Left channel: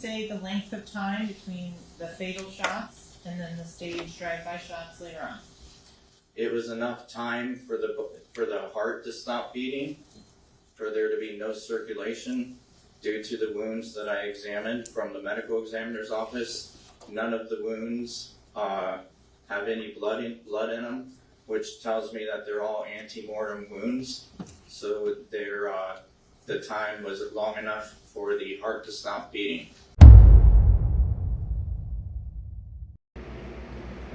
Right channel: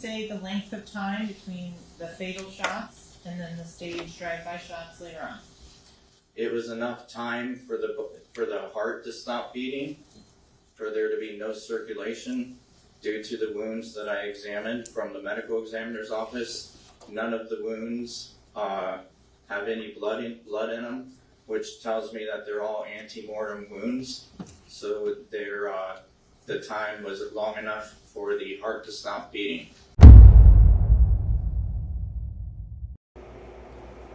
say the length of time between the fatal shots and then the staged drive-by shots later on? It was enough time for the heart to stop beating, for there to be no circulation due to the wounds that I examined from the medical examiner's office. None of the wounds have any blood in them, which tells me that they're all ante-mortem wounds. So the time was long enough for the heart to stop beating.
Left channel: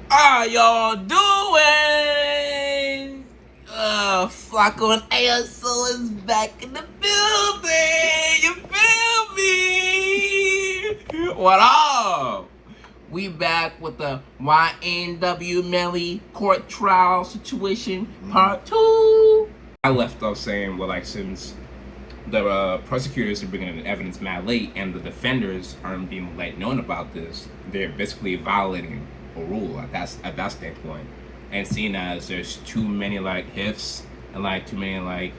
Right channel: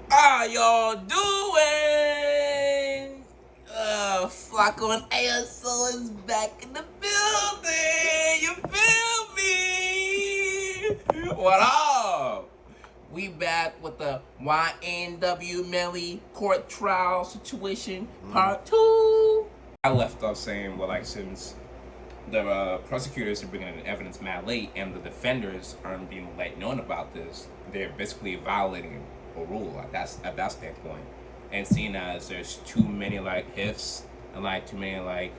How y'all doing? FLACKO N ASO is back in the building. You feel me? What up? We back with the YNW Melly court trial situation part 2. I left off saying, well, like, since the prosecutors are bringing in evidence mad late and the defenders aren't being let known about this, they're basically violating a rule at that standpoint. And seeing as there's too many like ifs and like too many like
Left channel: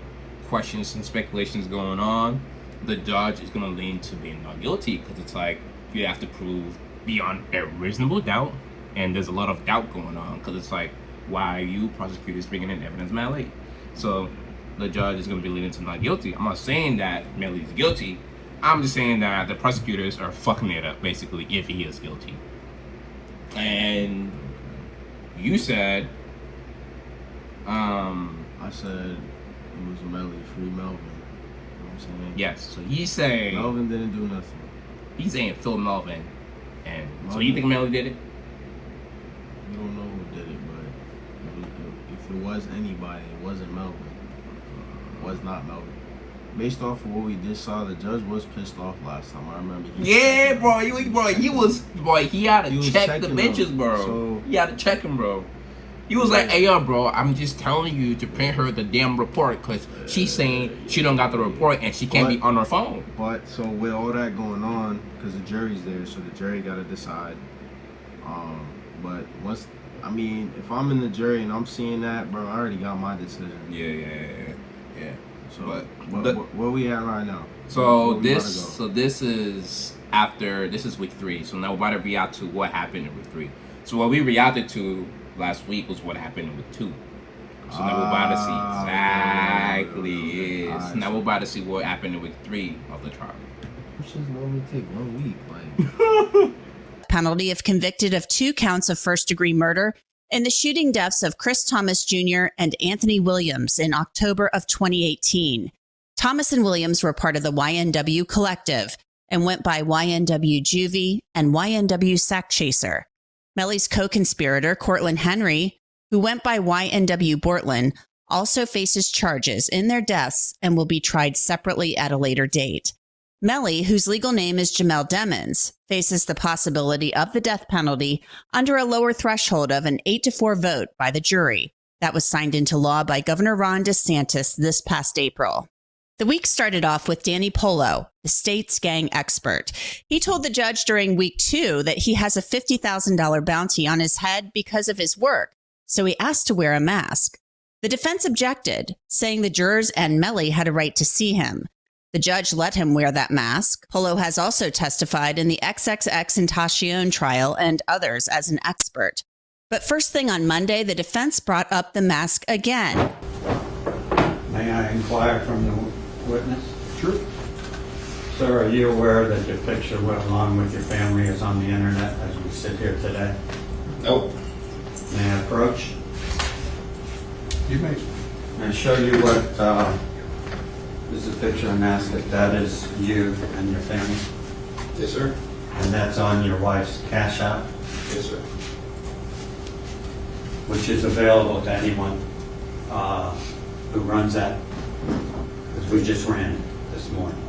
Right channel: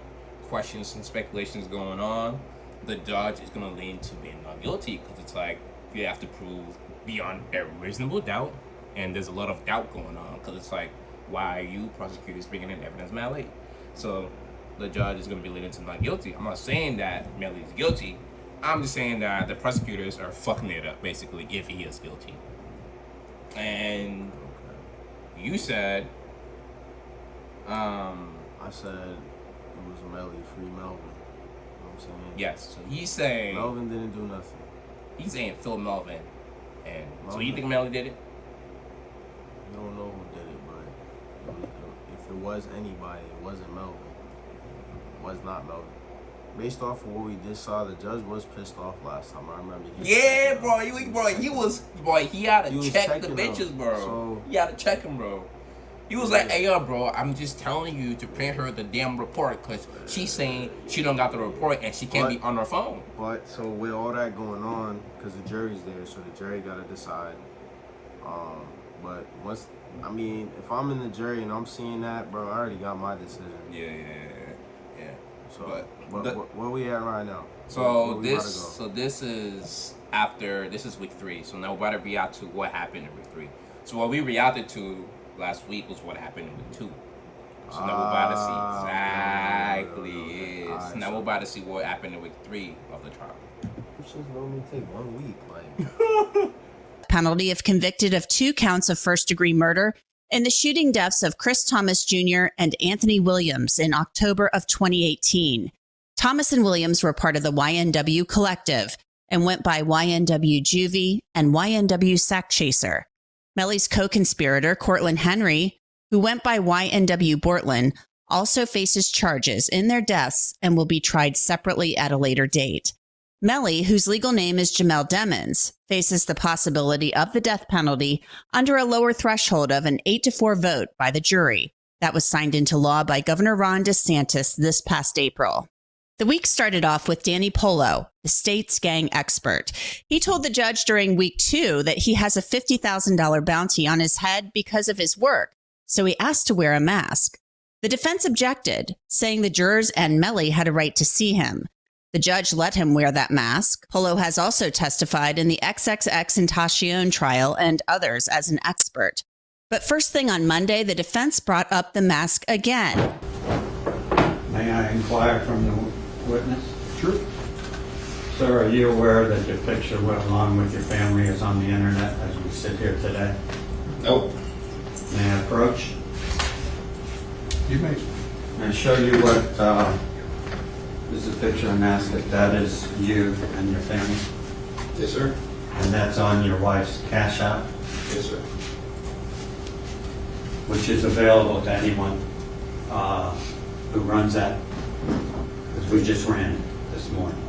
questions and speculations going on, the judge is gonna lean to being not guilty, because it's like you have to prove beyond a reasonable doubt, and there's a lot of doubt going on, because it's like, why are you prosecutors bringing in evidence mad late? So the judge is going to be leaning to not guilty. I'm not saying that Melly's guilty. I'm just saying that the prosecutors are fucking it up, basically, if he is guilty. And you said, I said it was Melly, free Melvin. You know what I'm saying? yes. So he's saying Melvin didn't do nothing. He's saying Phil Melvin, and Melvin. so you think Melly did it? You don't know who did it, but if it was anybody, it wasn't Melvin. Was not Melvin. Based off of what we just saw, the judge was pissed off last time. I remember. Yeah, bro. He had to check the bitches, bro. So, he had to check him, bro. He was like, hey, yo, bro, I'm just telling you to print her the damn report, because she's saying she don't got the report and she can't be on her phone. But, so with all that going on, because the jury's there, so the jury got to decide. But once, I mean, if I'm in the jury and I'm seeing that, bro, I already got my decision. Yeah. So, where we at right now? So this is week 3. So now we're about to react to what happened in week 3. So what we reacted to last week was what happened in week 2. So now we're about to see exactly. Now we're about to see what happened in week 3 of the trial. Which is only take 1 week, like. Penalty if convicted of 2 counts of first-degree murder in the shooting deaths of Chris Thomas Jr. and Anthony Williams in October of 2018. Thomas and Williams were part of the YNW Collective and went by YNW Juvie and YNW Sack Chaser. Melly's co-conspirator, Cortland Henry, who went by YNW Bortland, also faces charges in their deaths and will be tried separately at a later date. Melly, whose legal name is Jamel Demons, faces the possibility of the death penalty under a lower threshold of an 8-4 vote by the jury that was signed into law by Governor Ron DeSantis this past April. The week started off with Danny Polo, the state's gang expert. He told the judge during week 2 that he has a $50,000 bounty on his head because of his work, so he asked to wear a mask. The defense objected, saying the jurors and Melly had a right to see him. The judge let him wear that mask. Polo has also testified in the XXXTentacion trial and others as an expert. But first thing on Monday, the defense brought up the mask again. May I inquire from the witness? Sure. Sir, are you aware that your picture, along with your family, is on the internet as we sit here today? Nope. May I approach? You may. And show you what is a picture and ask if that is you and your family? Yes, sir. And that's on your wife's Cash App? Yes, sir. Which is available to anyone who runs that, because we just ran it this morning.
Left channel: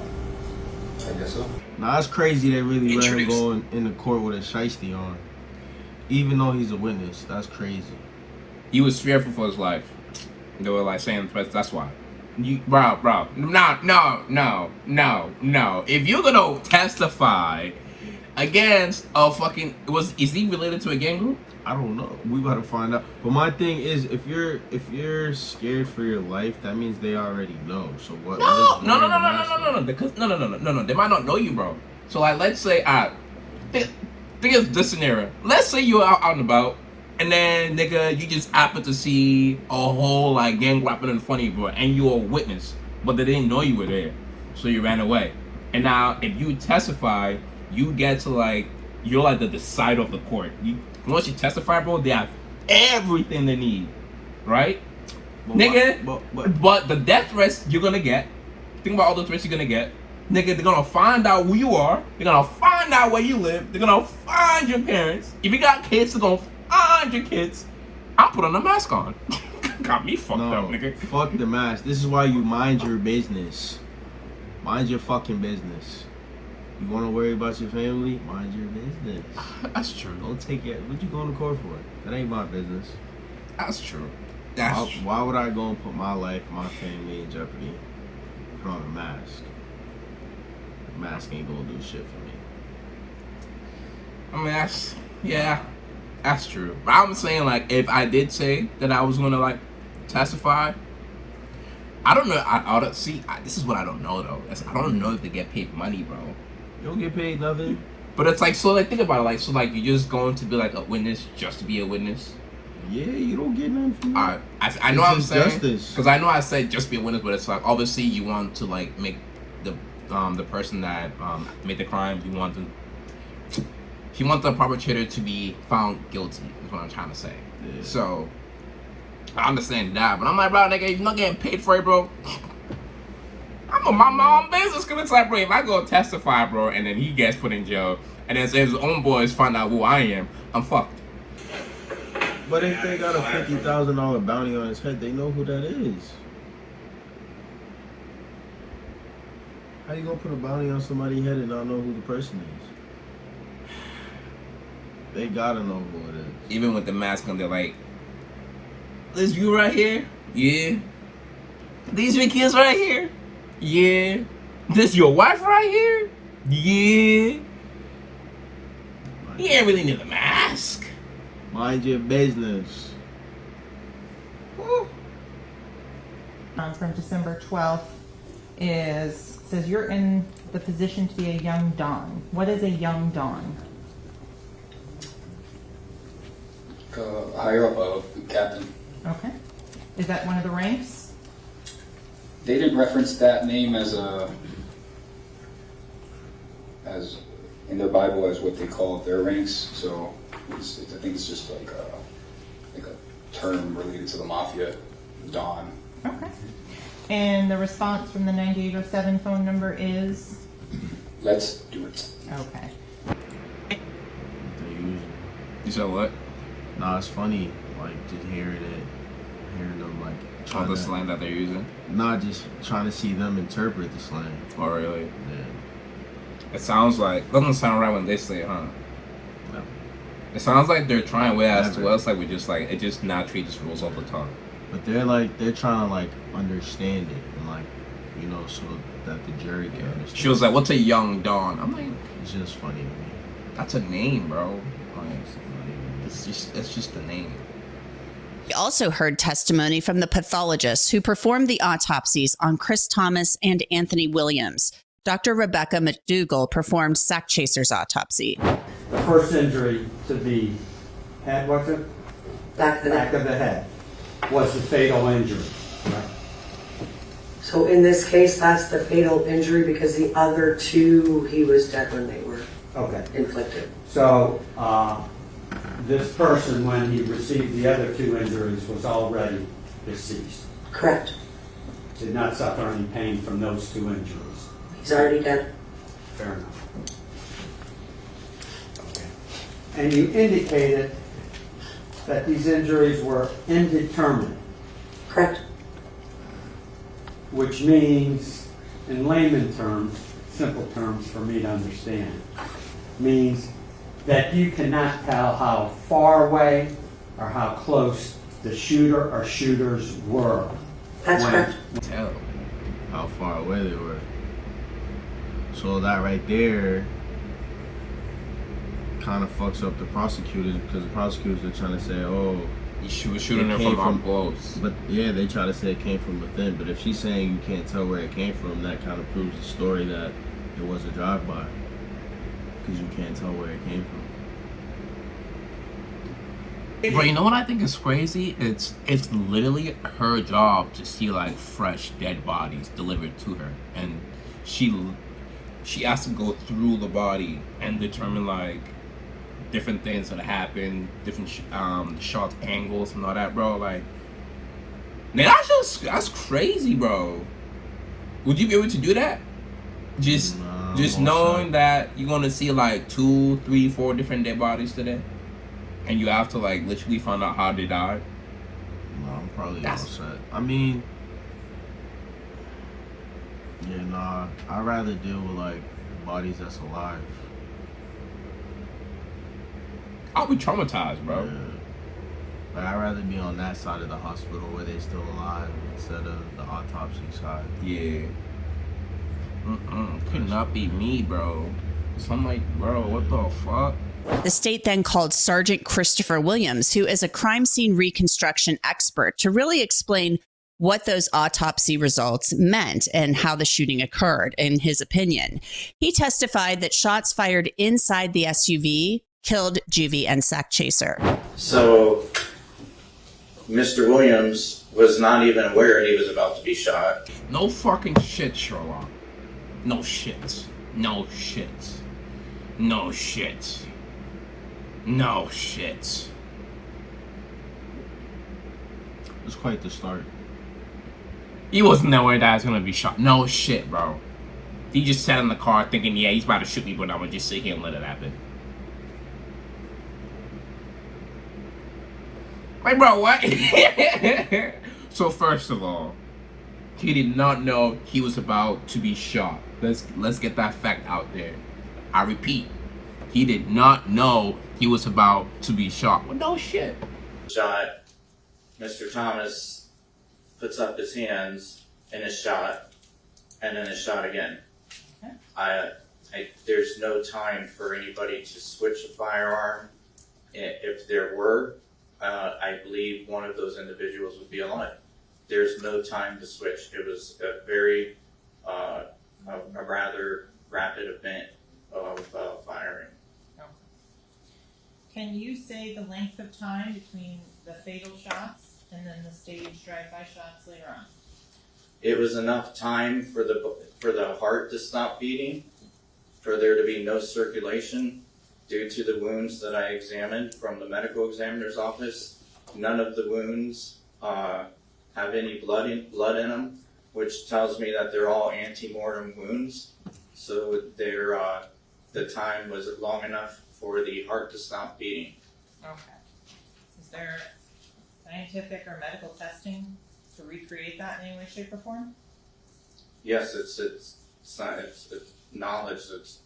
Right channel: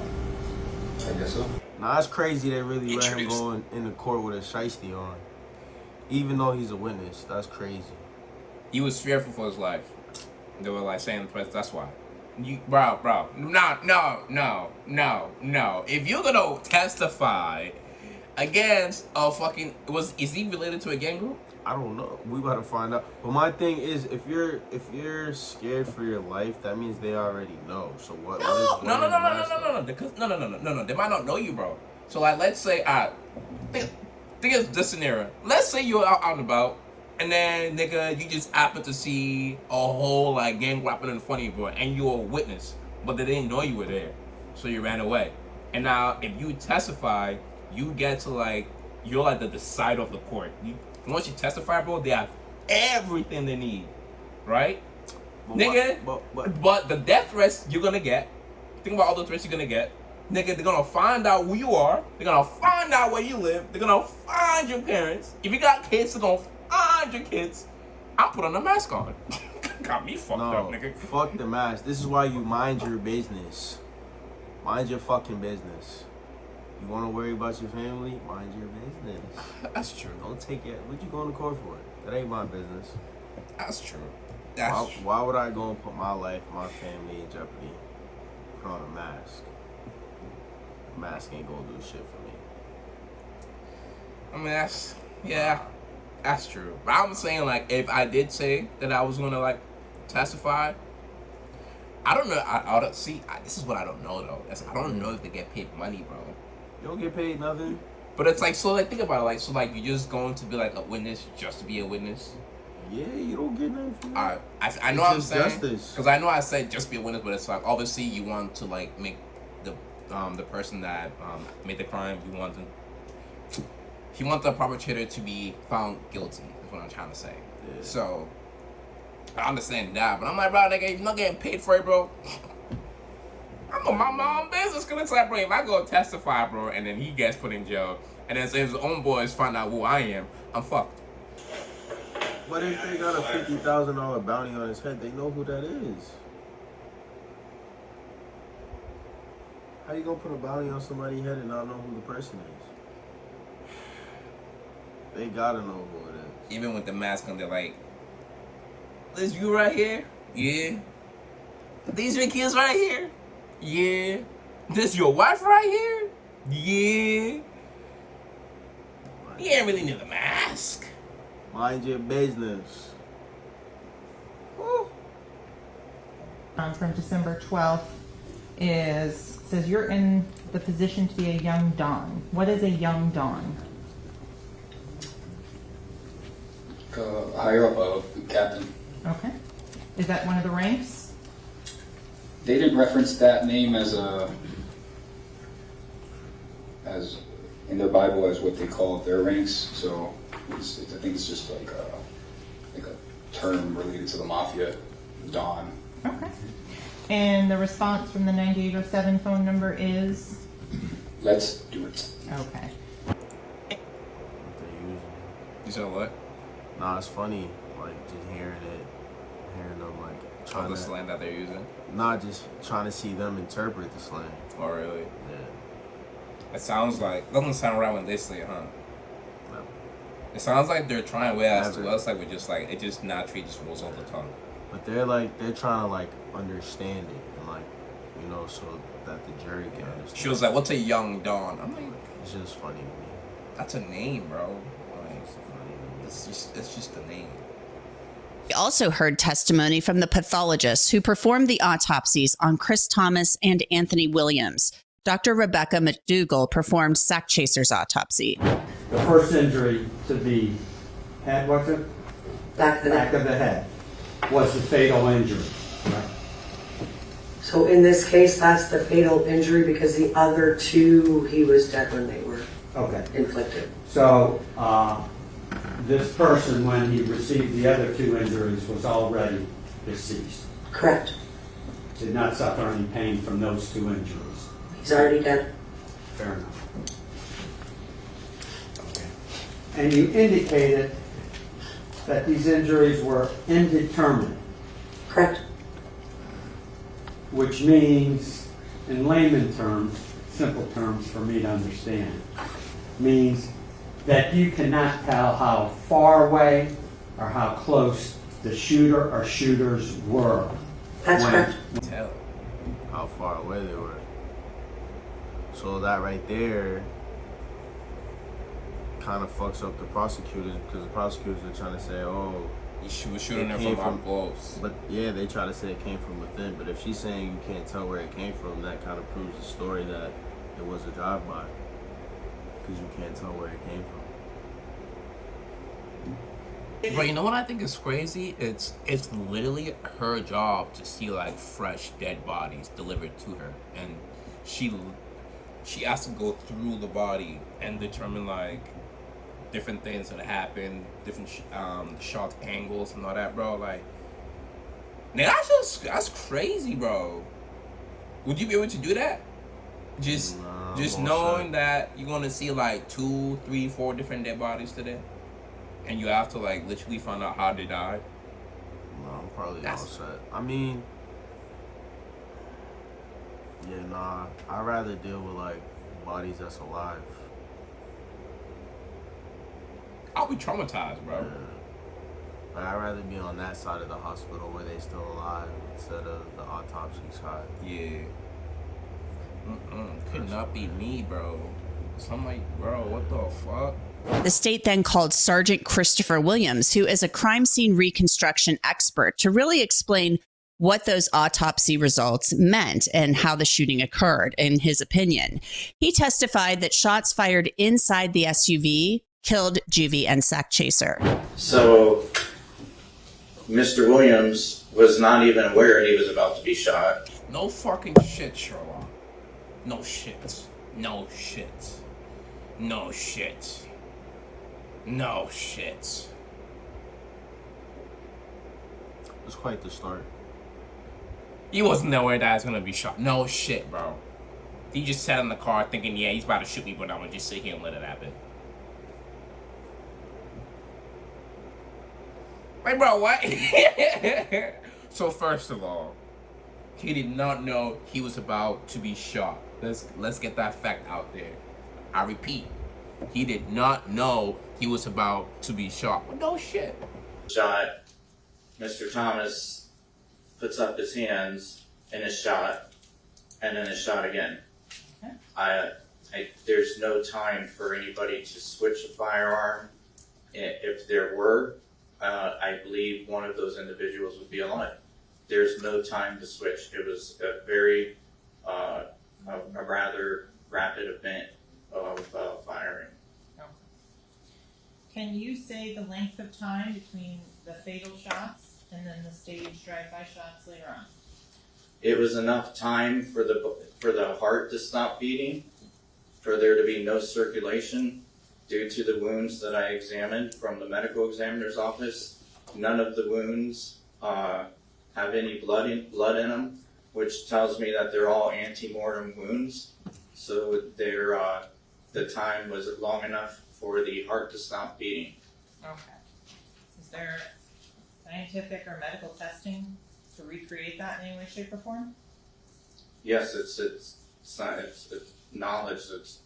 I guess so. Now that's crazy. They really let him go in the court with a shiesty on, even though he's a witness. That's crazy. He was fearful for his life. They were like saying that's why. Bro, no. If you're gonna testify against a fucking is he related to a gang group? I don't know. We gotta find out. But my thing is, if you're scared for your life, that means they already know. So what? No. Because, no. They might not know you, bro. So like, let's say, think of this scenario. Let's say you're out and about, and then nigga, you just happen to see a whole like gang rapping in front of you, bro, and you're a witness, but they didn't know you were there, so you ran away. And now, if you testify, you get to like, you're like the decider of the court. Once you testify, bro, they have everything they need, right? But the death threats you're gonna get, think about all the threats you're gonna get. Nigga, they're gonna find out who you are. They're gonna find out where you live. They're gonna find your parents. If you got kids, they're gonna find your kids. I'm putting a mask on. Got me fucked up, nigga. Fuck the mask. This is why you mind your business. Mind your fucking business. You wanna worry about your family? Mind your business. That's true. Don't take it. What you going to court for? That ain't my business. That's true. Why would I go and put my life, my family in jeopardy? Put on a mask. Mask ain't gonna do shit for me. I mean, that's true. But I'm saying, like, if I did say that I was gonna like testify, I don't know. This is what I don't know though. I don't know if they get paid money, bro. You don't get paid nothing. But it's like, so like, think about it, like, so like, you're just going to be like a witness just to be a witness. Yeah, you don't get nothing from that. I know what I'm saying, justice. because I know I said just be a witness, but it's like obviously you want to like make the person that made the crime, you want the perpetrator to be found guilty, is what I'm trying to say. Yeah. So I understand that, but I'm like, bro, nigga, if you're not getting paid for it, bro, I'm gonna mind my own business. Cause it's like, bro, if I go testify, bro, and then he gets put in jail, and then his own boys find out who I am, I'm fucked. But if they got a $50,000 bounty on his head, they know who that is. How you gonna put a bounty on somebody's head and not know who the person is? They gotta know who it is. Even with the mask on, they're like, this you right here? Yeah. These your kids right here? Yeah. This your wife right here? Yeah. He ain't really need the mask. Mind your business. From December 12th says you're in the position to be a young Don. What is a young Don? Higher up, captain. Okay. Is that one of the ranks? They didn't reference that name as in their Bible as what they call their ranks. So I think it's just like a term related to the mafia, Don. Okay. And the response from the 9807 phone number is? Let's do it. Okay. You said what? Nah, it's funny, like, just hearing them, like, Oh, the slang that they're using? Not just trying to see them interpret the slang. Oh, really? Yeah. It sounds like, doesn't sound right when they say it, huh? No. It sounds like they're trying way as to us, like, we just, like, it just naturally just rolls off the tongue. But they're trying to, like, understand it, and, like, you know, so that the jury can understand. She was like, what's a young Dawn? I'm like, it's just funny to me. That's a name, bro. Like, it's just a name. We also heard testimony from the pathologist who performed the autopsies on Chris Thomas and Anthony Williams. Dr. Rebecca McDougall performed Sack Chaser's autopsy. The first injury to the head, what's it? Back of the head was the fatal injury. Right? So in this case, that's the fatal injury because the other two, he was dead when they were inflicted. So this person, when he received the other two injuries, was already deceased. Correct. Did not suffer any pain from those two injuries. He's already dead. Fair enough. Okay. And you indicated that these injuries were indeterminate. Correct. Which means, in layman terms, simple terms for me to understand, means that you cannot tell how far away or how close the shooter or shooters were. That's correct. Tell how far away they were. So that right there kind of fucks up the prosecutors because the prosecutors are trying to say, oh, she was shooting her from up close. But yeah, they try to say it came from within. But if she's saying you can't tell where it came from, that kind of proves the story that it was a drive-by. because you can't tell where it came from. Bro, you know what I think is crazy? It's literally her job to see like fresh dead bodies delivered to her, and she has to go through the body and determine like different things that happen, different shot angles and all that, bro. Like, man, that's crazy, bro. Would you be able to do that? Just knowing that you're gonna see like 2, 3, 4 different dead bodies today, and you have to like literally find out how they died. No, I'm probably all set. I mean, yeah, nah. I'd rather deal with like bodies that's alive. I'll be traumatized, bro. Yeah. But I'd rather be on that side of the hospital where they're still alive instead of the autopsy side. Yeah. Could not be me, bro. So I'm like, bro, what the fuck? The state then called Sergeant Christopher Williams, who is a crime scene reconstruction expert, to really explain what those autopsy results meant and how the shooting occurred, in his opinion. He testified that shots fired inside the SUV killed Juvie and Sack Chaser. So, Mr. Williams was not even aware he was about to be shot. No fucking shit, Sherlock. No shit. No shit. No shit. No shit. It's quite the start. He wasn't aware that I was gonna be shot. No shit, bro. He just sat in the car thinking, yeah, he's about to shoot me, but I'm gonna just sit here and let it happen. Like, bro, what? So first of all, he did not know he was about to be shot. Let's get that fact out there. I repeat, he did not know he was about to be shot. Well, no shit. Shot. Mr. Thomas puts up his hands and is shot, and then is shot again. Okay. There's no time for anybody to switch a firearm. If there were, I believe one of those individuals would be alive. There's no time to switch. It was a very, a rather rapid event of firing. Okay. Can you say the length of time between the fatal shots and then the staged drive-by shots later on? It was enough time for the heart to stop beating, for there to be no circulation due to the wounds that I examined from the medical examiner's office. None of the wounds have any blood in them, which tells me that they're all ante-mortem wounds. So the time was long enough for the heart to stop beating. Okay. Is there scientific or medical testing to recreate that in any way, shape, or form? Yes, it's knowledge. It's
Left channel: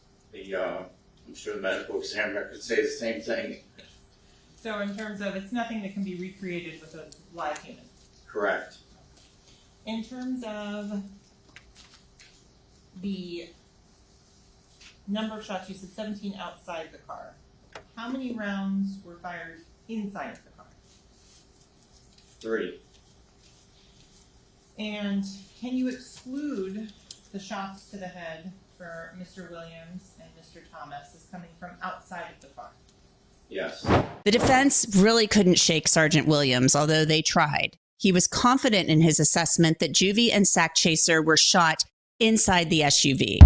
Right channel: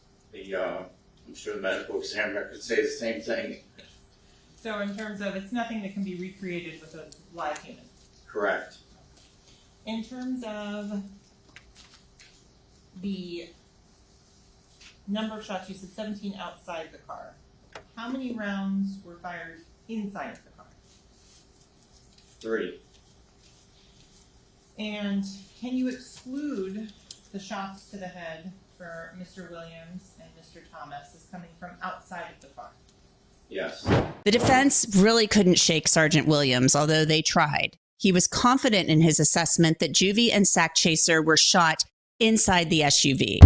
I'm sure the medical examiner could say the same thing. So in terms of, it's nothing that can be recreated with a live human. Correct. In terms of the number of shots, you said 17 outside the car. How many rounds were fired inside of the car? 3. And can you exclude the shots to the head for Mr. Williams and Mr. Thomas as coming from outside of the car? Yes. The defense really couldn't shake Sergeant Williams, although they tried. He was confident in his assessment that Juvie and Sack Chaser were shot inside the SUV.